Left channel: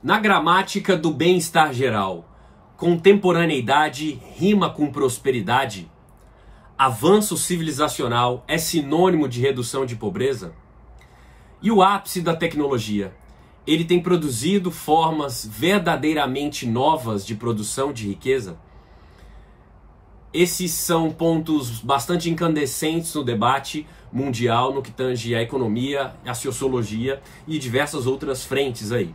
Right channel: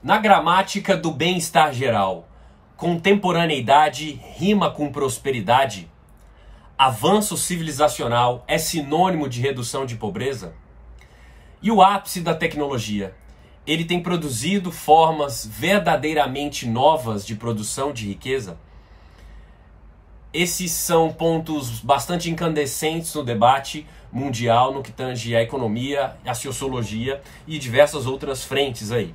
Na gramática do bem-estar geral, contemporaneidade rima com prosperidade? Avanço civilizacional é sinônimo de redução de pobreza? E o ápice da tecnologia? Ele tem produzido formas verdadeiramente novas de produção de riqueza? Esses são pontos bastante incandescentes no debate mundial no que tange a economia, a sociologia e diversas outras frentes aí.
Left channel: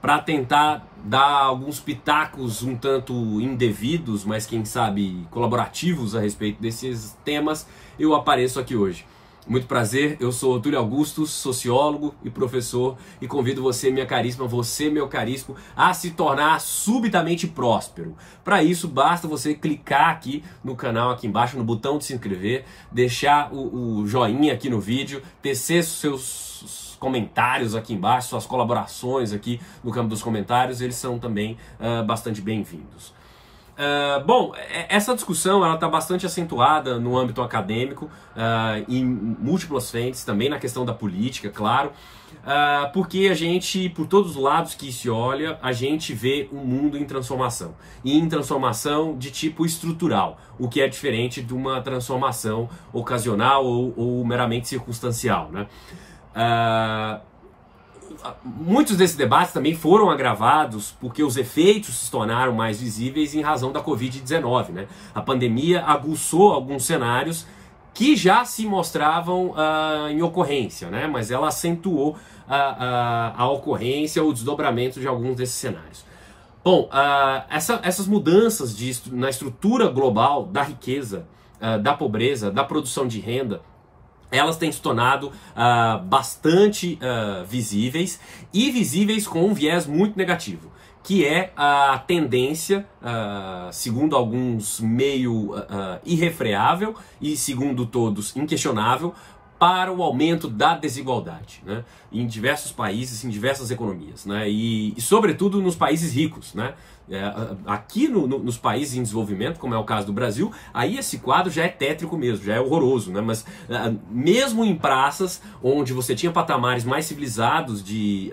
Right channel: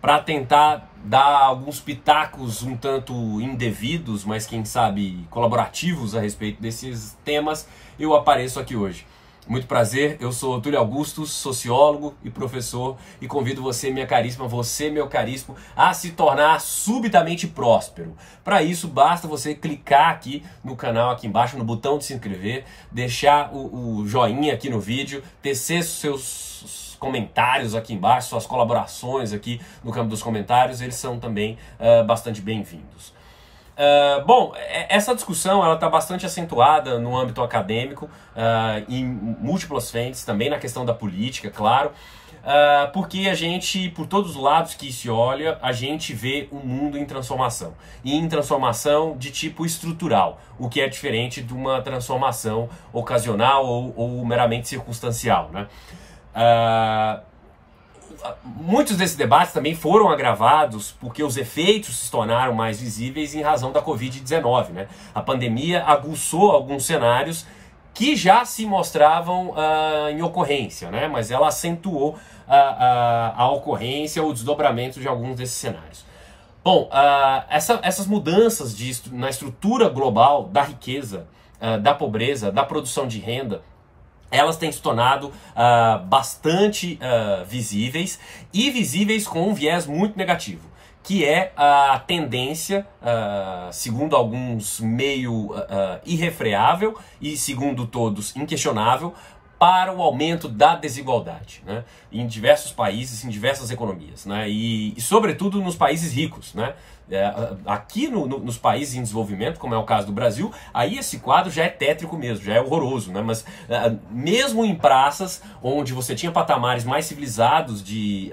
Para tentar dar alguns pitacos um tanto indevidos, mas quem sabe colaborativos a respeito desses temas, eu apareço aqui hoje. Muito prazer, eu sou Túlio Augusto, sociólogo e professor, e convido você, minha caríssima, você, meu caríssimo, a se tornar subitamente próspero. Para isso, basta você clicar aqui no canal, aqui embaixo, no botão de se inscrever, deixar o joinha aqui no vídeo, tecer seus comentários aqui embaixo, suas colaborações aqui no campo dos comentários, eles são também bastante bem-vindos. Bom, essa discussão ela está bastante acentuada no âmbito acadêmico, em múltiplas frentes, também na questão da política, claro, porque a gente, por todos os lados que se olha, a gente vê um mundo em transformação, e em transformação de tipo estrutural, o que é diferente de uma transformação ocasional ou meramente circunstancial, né? Muitos desses debates também foram agravados porque os efeitos se tornaram mais visíveis em razão da Covid-19, né? A pandemia aguçou alguns cenários que já se mostravam em ocorrência, né? Mas ela acentuou a ocorrência, o desdobramento de alguns desses cenários. Bom, essas mudanças na estrutura global da riqueza, da pobreza, da produção de renda, elas têm se tornado bastante visíveis, e visíveis com um viés muito negativo, que é a tendência, segundo alguns meio irrefreável e segundo todos inquestionável, para o aumento da desigualdade, né? Em diversos países, em diversas economias, né? E sobretudo nos países ricos, né? Aqui nos países em desenvolvimento, como é o caso do Brasil, aí esse quadro já é tétrico mesmo, já é horroroso, né? Mas mesmo em praças onde você tinha patamares mais civilizados de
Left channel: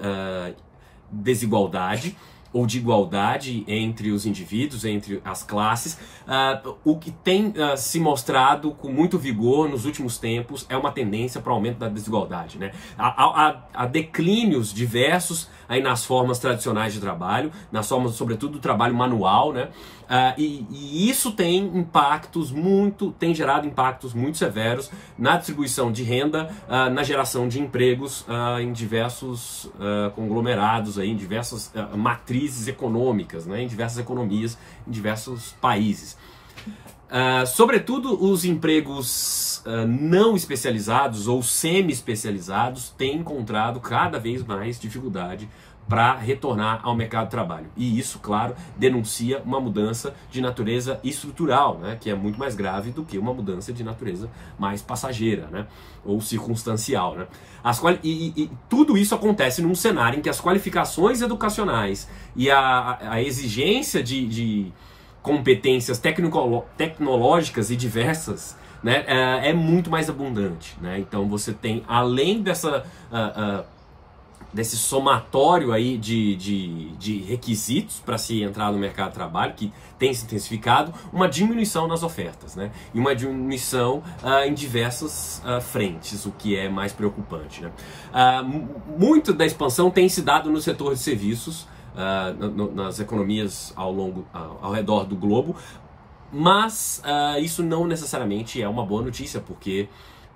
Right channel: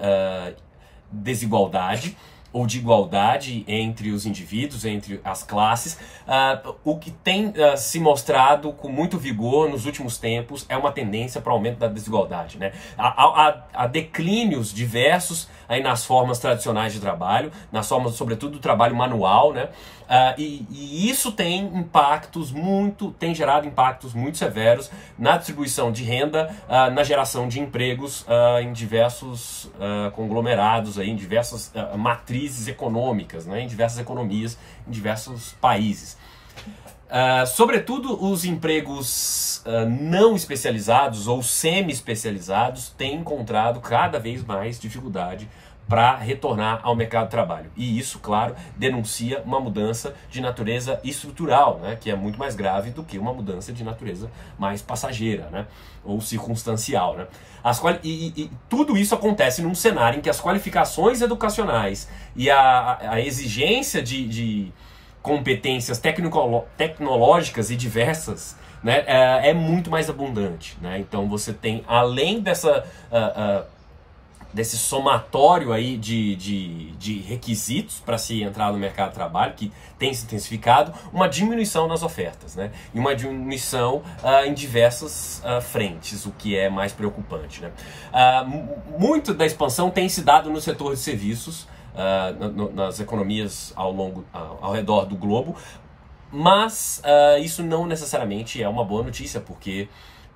desigualdade ou de igualdade entre os indivíduos, entre as classes, o que tem se mostrado com muito vigor nos últimos tempos é uma tendência para o aumento da desigualdade, né? Há declínios diversos aí nas formas tradicionais de trabalho, nas formas, sobretudo, do trabalho manual, né? E isso tem gerado impactos muito severos na distribuição de renda, na geração de empregos em diversos conglomerados, aí, em diversas matrizes econômicas, né? Em diversas economias, em diversos países. Sobretudo os empregos não especializados ou semi-especializados têm encontrado cada vez mais dificuldade para retornar ao mercado de trabalho. E isso, claro, denuncia uma mudança de natureza estrutural, né, que é muito mais grave do que uma mudança de natureza mais passageira, né, ou circunstancial, né. E tudo isso acontece num cenário em que as qualificações educacionais e a exigência de competências tecnológicas e diversas, né, é muito mais abundante, né? Então você tem, além desse somatório aí de requisitos para se entrar no mercado de trabalho, que tem se intensificado, uma diminuição nas ofertas, né? E uma diminuição em diversas frentes, o que é mais preocupante, né? Muito da expansão tem se dado no setor de serviços, nas economias ao redor do globo, mas isso não necessariamente é uma boa notícia, porque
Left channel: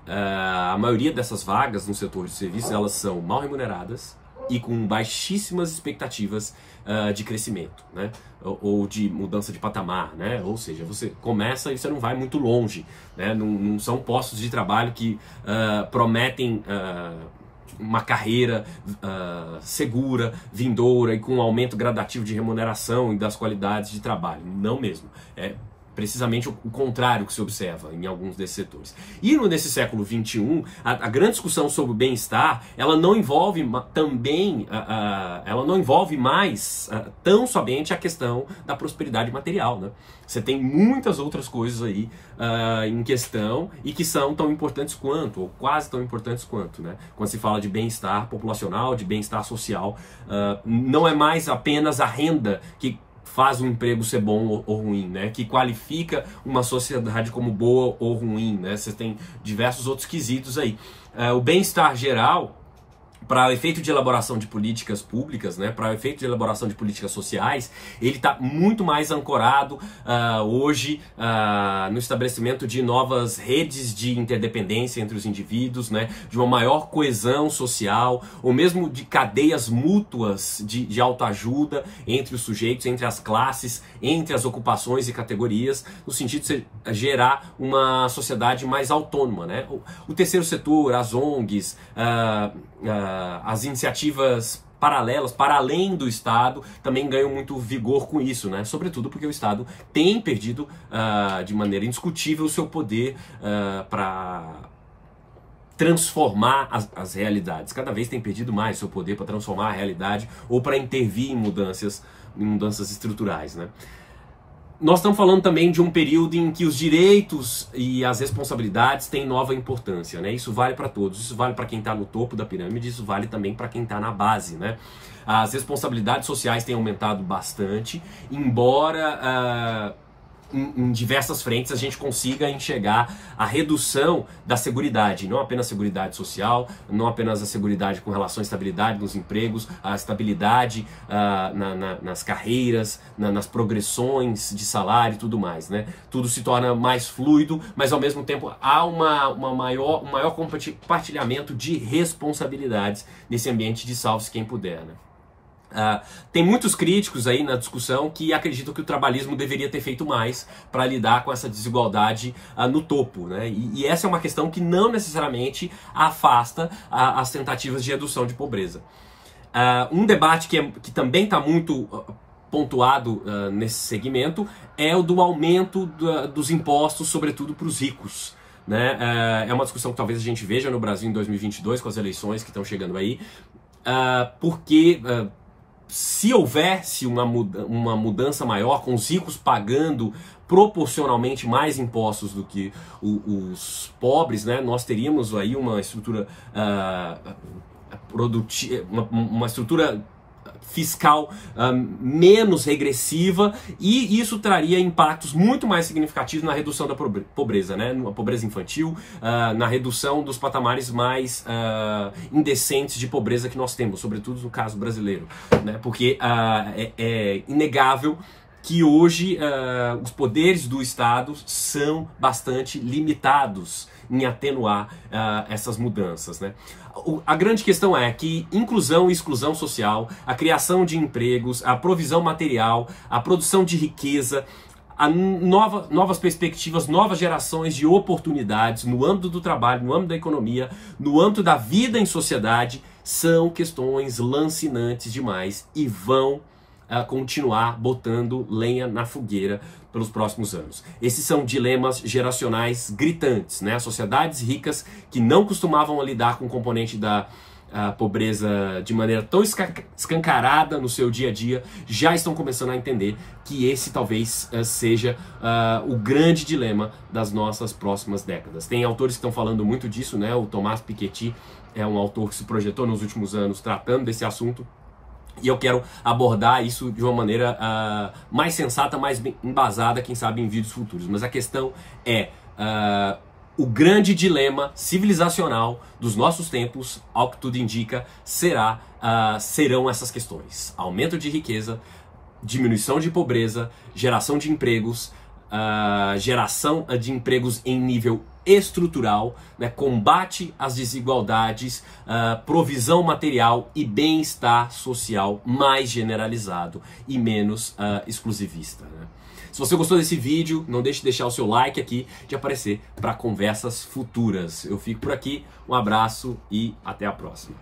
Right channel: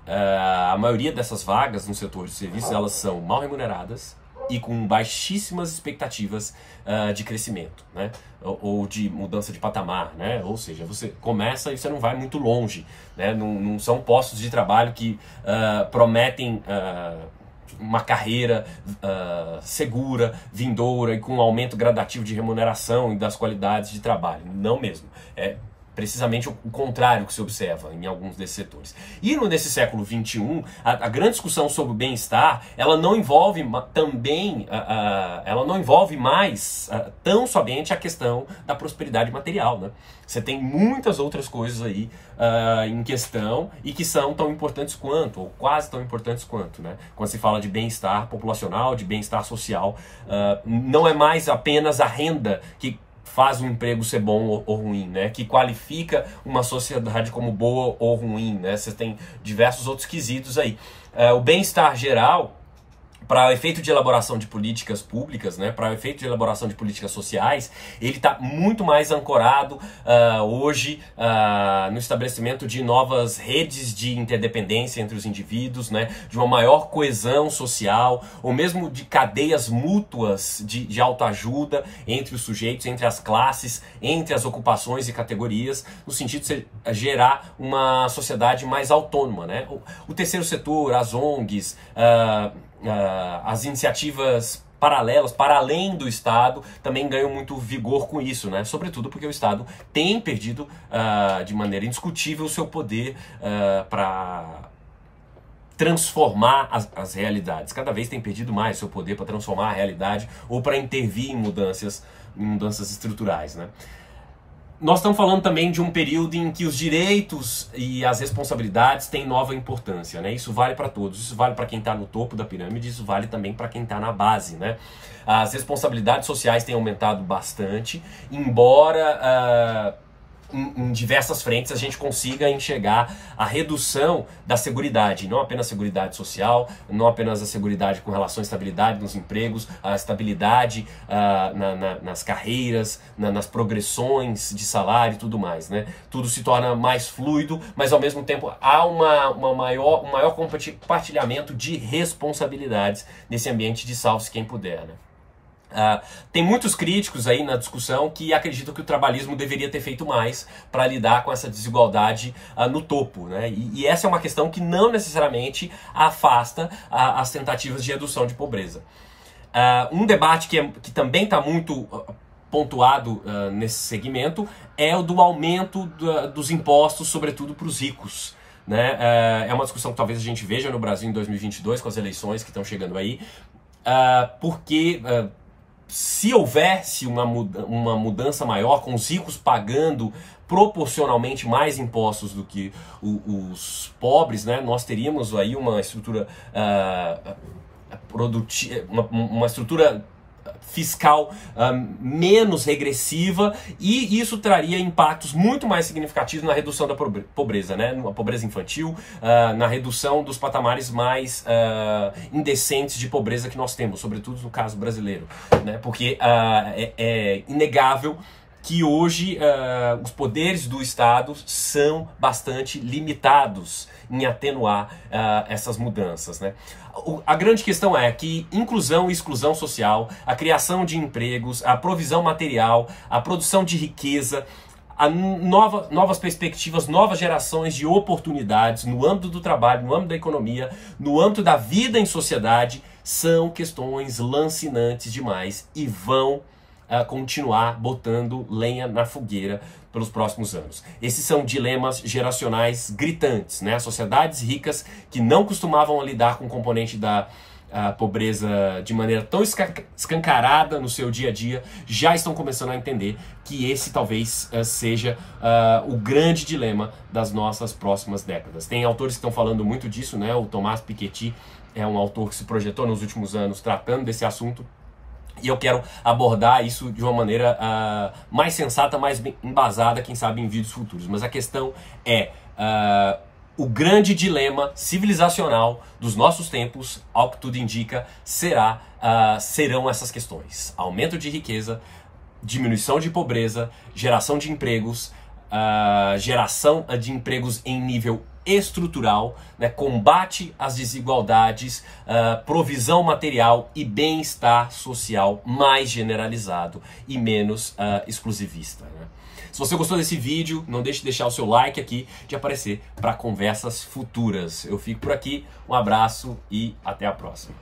a maioria dessas vagas no setor de serviços, elas são mal remuneradas e com baixíssimas expectativas de crescimento, né? Ou de mudança de patamar, né? Ou seja, você começa e você não vai muito longe, né? Não são postos de trabalho que prometem uma carreira segura, vindoura e com um aumento gradativo de remuneração e das qualidades de trabalho. Não mesmo. precisamente o contrário que se observa em alguns desses setores. E nesse século XXI, a grande discussão sobre o bem-estar, ela não envolve ela não envolve mais tão somente a questão da prosperidade material, né? Você tem muitas outras coisas aí em questão e que são tão importantes quanto, ou quase tão importantes quanto, né? Quando se fala de bem-estar populacional, de bem-estar social, não é mais apenas a renda que faz um emprego ser bom ou ruim, né? Que qualifica uma sociedade como boa ou ruim, né? Você tem diversos outros quesitos aí. O bem-estar geral, para o efeito de elaboração de políticas públicas, né, para o efeito de elaboração de políticas sociais, ele está muito mais ancorado hoje no estabelecimento de novas redes de interdependência entre os indivíduos, né, de uma maior coesão social, ou mesmo de cadeias mútuas de autoajuda entre os sujeitos, entre as classes, entre as ocupações e categorias, no sentido de gerar uma sociedade mais autônoma, né? O terceiro setor, as ONGs, as iniciativas paralelas, para além do Estado, também ganham muito vigor com isso, né? Sobretudo porque o Estado tem perdido de maneira indiscutível o seu poder para transformar as realidades. Cada vez tem perdido mais o seu poder para transformar a realidade ou para intervir em mudanças estruturais, né? Nós estamos falando também de um período em que os direitos e as responsabilidades têm nova importância, né? Isso vale para todos, isso vale para quem está no topo da pirâmide, isso vale também para quem está na base, né? As responsabilidades sociais têm aumentado bastante, embora em diversas frentes a gente consiga enxergar a redução da seguridade, não apenas a seguridade social, não apenas a seguridade com relação à estabilidade nos empregos, a estabilidade nas carreiras, nas progressões de salário e tudo mais, né? Tudo se torna mais fluido, mas ao mesmo tempo há um maior compartilhamento de responsabilidades nesse ambiente de salve-se quem puder, né? Tem muitos críticos aí na discussão que acreditam que o trabalhismo deveria ter feito mais para lidar com essa desigualdade no topo, né? E essa é uma questão que não necessariamente afasta as tentativas de redução de pobreza. Um debate que também está muito pontuado nesse segmento é o do aumento dos impostos, sobretudo para os ricos, né? É uma discussão que talvez a gente veja no Brasil em 2022, com as eleições que estão chegando aí, porque se houvesse uma mudança maior, com os ricos pagando proporcionalmente mais impostos do que os pobres, né, nós teríamos aí uma estrutura produtiva, uma estrutura fiscal menos regressiva, e isso traria impactos muito mais significativos na redução da pobreza, né? Na pobreza infantil, na redução dos patamares mais indecentes de pobreza que nós temos, sobretudo no caso brasileiro, né? Porque é inegável que hoje os poderes do Estado são bastante limitados em atenuar essas mudanças, né? A grande questão é que inclusão e exclusão social, a criação de empregos, a provisão material, a produção de riqueza, novas perspectivas, novas gerações de oportunidades no âmbito do trabalho, no âmbito da economia, no âmbito da vida em sociedade, são questões lancinantes demais e vão continuar botando lenha na fogueira pelos próximos anos. Esses são dilemas geracionais gritantes, né? Sociedades ricas que não costumavam lidar com o componente da pobreza de maneira tão escancarada no seu dia a dia, já estão começando a entender que esse talvez seja o grande dilema das nossas próximas décadas. Tem autores que estão falando muito disso, né? O Thomas Piketty é um autor que se projetou nos últimos anos tratando desse assunto. E eu quero abordar isso de uma maneira mais sensata, mais embasada, quem sabe em vídeos futuros. Mas a questão é o grande dilema civilizacional dos nossos tempos, ao que tudo indica, serão essas questões: aumento de riqueza, diminuição de pobreza, geração de empregos, geração de empregos em nível estrutural, né, combate às desigualdades, provisão material e bem-estar social mais generalizado e menos exclusivista, né? Se você gostou desse vídeo, não deixe de deixar o seu like aqui, de aparecer para conversas futuras. Eu fico por aqui, um abraço e até a próxima.